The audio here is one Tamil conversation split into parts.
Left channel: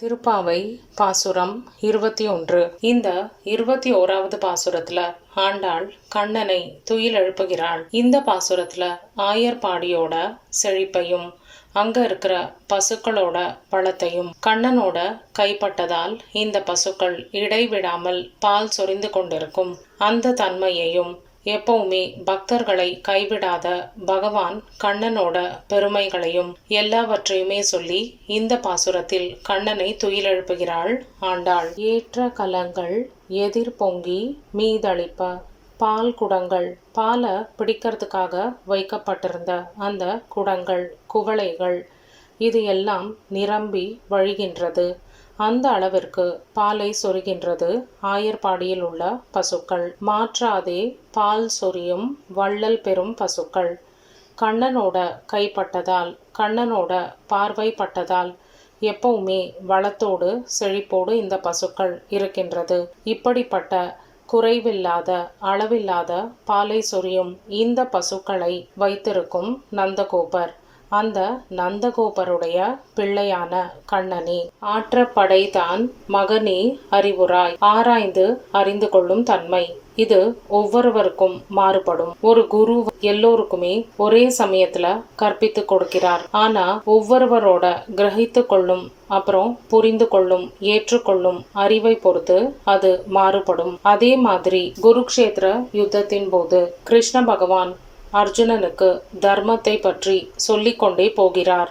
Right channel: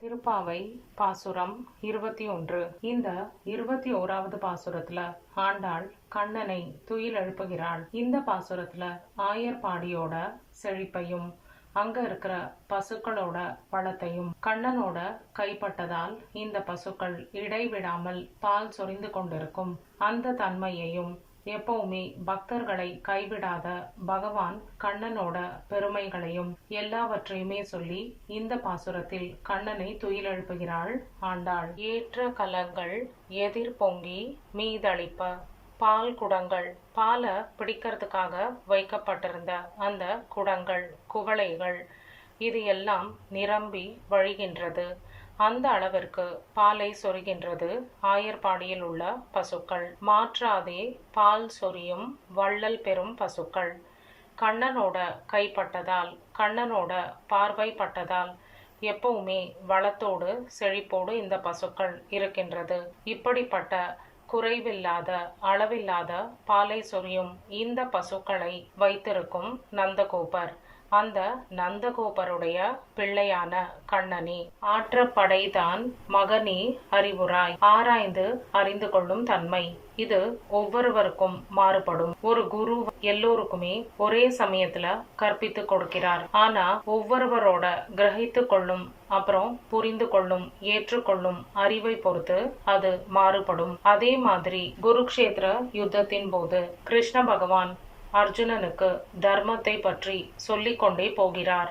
திருப்பாவை பாசுரம் 21. இந்த 21வது பாசுரத்துல ஆண்டாள் கண்ணனை துயில் எழுப்புகிறாள். இந்த பாசுரத்துல ஆயர்பாடியோட செழிப்பையும் அங்க இருக்கிற பசுக்களோட பழத்தையும் கண்ணனோட கைப்பட்டதால் இந்த பசுக்கள் இடைவிடாமல் பால் சொரிந்து கொண்டிருக்கும் அந்த தன்மையையும் எப்பவுமே பக்தர்களை கைவிடாத பகவான் கண்ணனோட பெருமைகளையும் எல்லாவற்றையுமே சொல்லி இந்த பாசுரத்தில் கண்ணனை துயிலெழுப்புகிறாள் ஆண்டாள். ஏற்ற கலங்கள் எதிர் பொங்கி மீதளிப்ப பால் குடங்கள், பாலை பிடிக்கிறதுக்காக வைக்கப்பட்டிருந்த அந்த குடங்கள், குவளைகள் இது எல்லாம் நிரம்பி வழிகின்றது. அந்த அளவிற்கு பாலை சொரிகின்றது ஆயர்பாடியில் உள்ள பசுக்கள். மாற்றாதே பால் சொரியும் வள்ளல் பெறும் பசுக்கள். கண்ணனோட கைப்பட்டதால், கண்ணனோட பார்வைப்பட்டதால் எப்பவுமே வளத்தோடு செழிப்போடு இந்த பசுக்கள் இருக்கின்றது. இப்படிப்பட்ட குறைவில்லாத அளவில்லாத பாலை சொரியும் இந்த பசுக்களை வைத்திருக்கும் நந்தகோபர், அந்த நந்தகோபருடைய பிள்ளையான கண்ணனே. ஆற்றப்படைதான் மகனே அறிவுராய், ஆராய்ந்து அறிந்து கொள்ளும் தன்மை இது ஒவ்வொருவருக்கும் மாறுபடும். ஒரு குரு எல்லோருக்குமே ஒரே சமயத்துல கற்பித்து கொடுக்கிறார். ஆனா ஒவ்வொருவரோட கிரகித்து கொள்ளும் அப்புறம் புரிந்து கொள்ளும் ஏற்றுக்கொள்ளும் அறிவை பொறுத்து அது மாறுபடும். அதே மாதிரி குருக்ஷேத்திர யுத்தத்தின் போது கிருஷ்ண பகவான் அர்ஜுனனுக்கு தர்மத்தை பற்றி சொல்லிக்கொண்டே போகிறார்.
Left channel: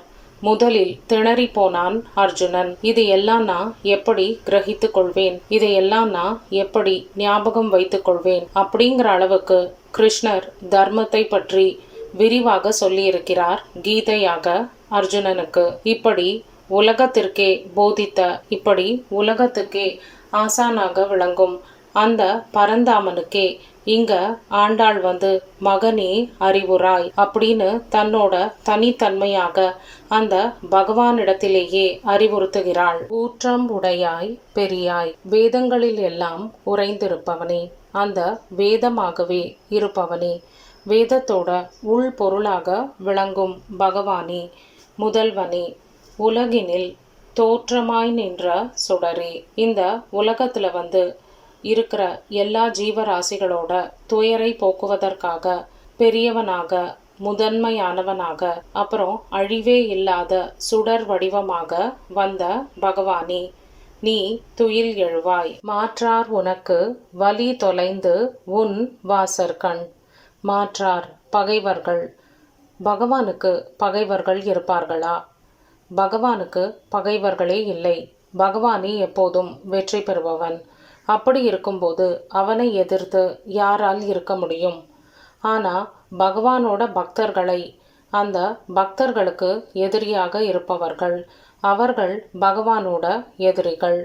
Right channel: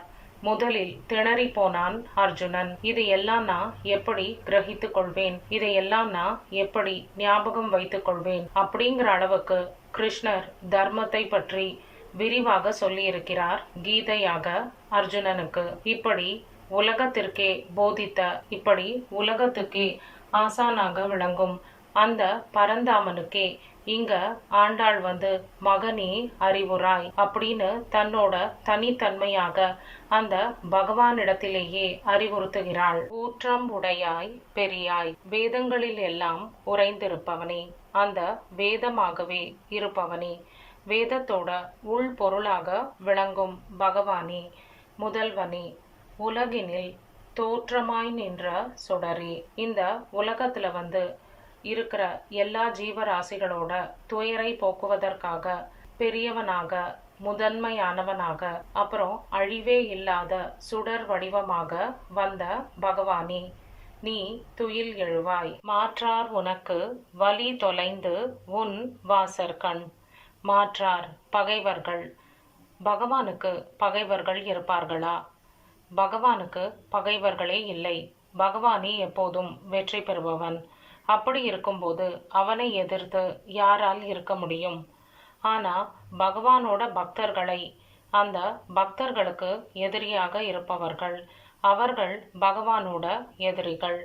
முதலில் திணறி போனான் அர்ஜுனன். இது எல்லாம் நான் எப்படி கிரகித்து கொள்வேன், இதையெல்லாம் நான் எப்படி ஞாபகம் வைத்துக் கொள்வேன் அப்படிங்கிற அளவுக்கு கிருஷ்ணர் தர்மத்தை பற்றி விரிவாக சொல்லியிருக்கிறார் கீதையாக அர்ஜுனனுக்கு. இப்படி உலகத்திற்கே போதித்த, இப்படி உலகத்துக்கே ஆசானாக விளங்கும் அந்த பரந்தாமனுக்கே இங்க ஆண்டாள் வந்து மகனே அறிவுராய் அப்படின்னு தன்னோட தனித்தன்மையாக அந்த பகவானிடத்திலேயே அறிவுறுத்துகிறாள். ஊற்றம் உடையாய் பெரியாய், வேதங்களில் எல்லாம் உறைந்திருப்பவனே, அந்த வேதமாகவே இருப்பவனே, வேதத்தோட உள் பொருளாக விளங்கும் பகவானே, முதல்வனே, உலகினில் தோற்றமாய் நின்ற சுடரே. இந்த உலகத்துல வந்து இருக்கிற எல்லா ஜீவராசிகளோட துயரை போக்குவதற்காக பெரியவனாக, முதன்மையானவனாக, அப்புறம் அழிவே இல்லாத சுடர் வடிவமாக வந்த பகவானே, நீ துயில் எழுவாய். மாற்றார் உனக்கு வலி தொலைந்து உன் வாசற்கண். மாற்றார் பகைவர்கள். பகவானுக்கு பகைவர்கள் இருப்பார்களா? பகவானுக்கு பகைவர்களே இல்லை. பகவானே எப்போதும் வெற்றி பெறுபவன். அப்படி இருக்கும்போது அவனை எதிர்த்து யாரால் இருக்க முடியும்? ஆனால் பகவானோட பக்தர்களை, அந்த பக்தர்களுக்கு எதிரியாக இருப்பவர்கள், அவர்கள் பகவானோட எதிரிகள்.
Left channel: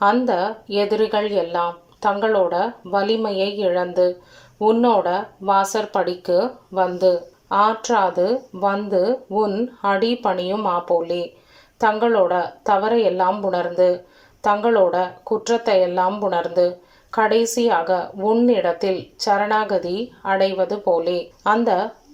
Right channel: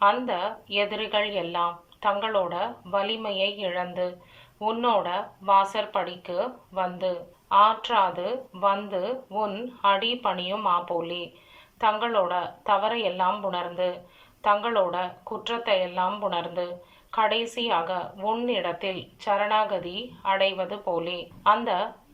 அந்த எதிரிகள் எல்லாம் தங்களோட வலிமையை இழந்து உன்னோட வாசற்படிக்கு வந்து ஆற்றாது வந்து உன் அடி பணியும் ஆப்போலே, தங்களோட தவறையெல்லாம் உணர்ந்து, தங்களோட குற்றத்தை எல்லாம் உணர்ந்து கடைசியாக உன்னிடத்தில் சரணாகதி அடைவது போலே அந்த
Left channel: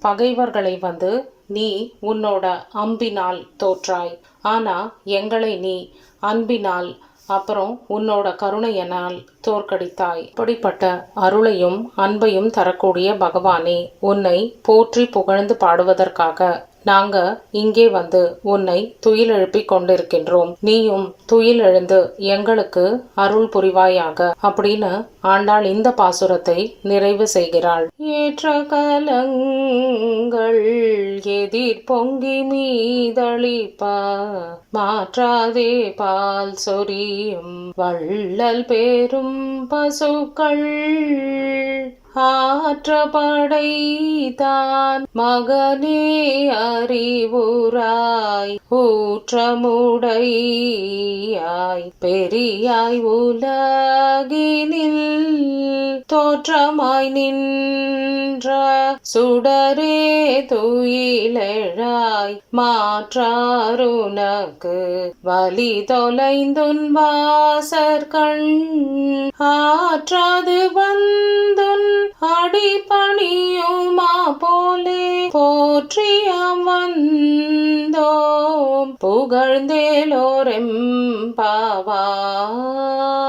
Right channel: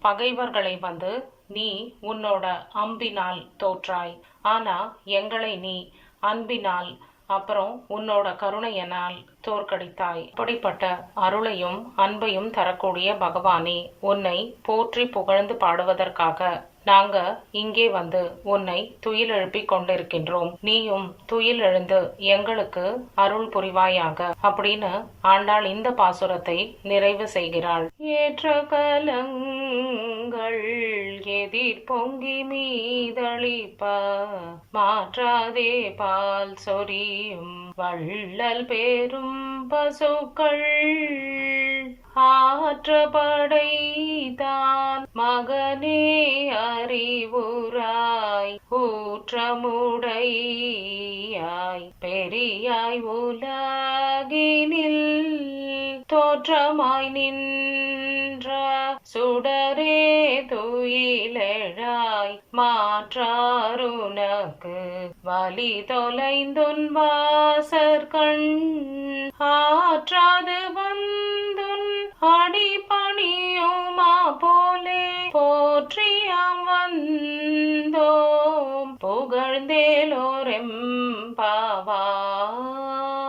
பகைவர்களை வந்து நீ உன்னோட அம்பினால் தோற்றாய். ஆனா எங்களை நீ அன்பினால் அப்புறம் உன்னோட கருணையனால் தோற்கடித்தாய். இப்படிப்பட்ட அருளையும் அன்பையும் தரக்கூடிய பகவானே, உன்னை போற்றி புகழ்ந்து பாடுவதற்காக நாங்க இங்கே வந்து உன்னை துயில் எழுப்பி கொண்டிருக்கின்றோம். நீயும் துயில் எழுந்து எங்களுக்கு அருள் புரிவாயாக அப்படின்னு ஆண்டாள் இந்த பாசுரத்தை நிறைவு செய்கிறாள். ஏற்ற கலங்கள் எதிர் பொங்கி மீதளிப்ப மாற்றாதே பால் சொரியும் வள்ளல் பேரும் பசுக்கள். ஆற்றப்படைதான் மகனே அறிவுராய், ஊற்றமுடையாய் பெரியாய், உலகினில் தோற்றமாய் நின்ற சுடரே துயிலெழாய். மாற்றாருனக்கு வலி தொலைந்துன் வாசற்கண். ஆற்றாது வந்துன் அடி பணியுமா போலே போற்றிய வந்தோம் புகழ்ந்தேலோரெம் பாவாய்.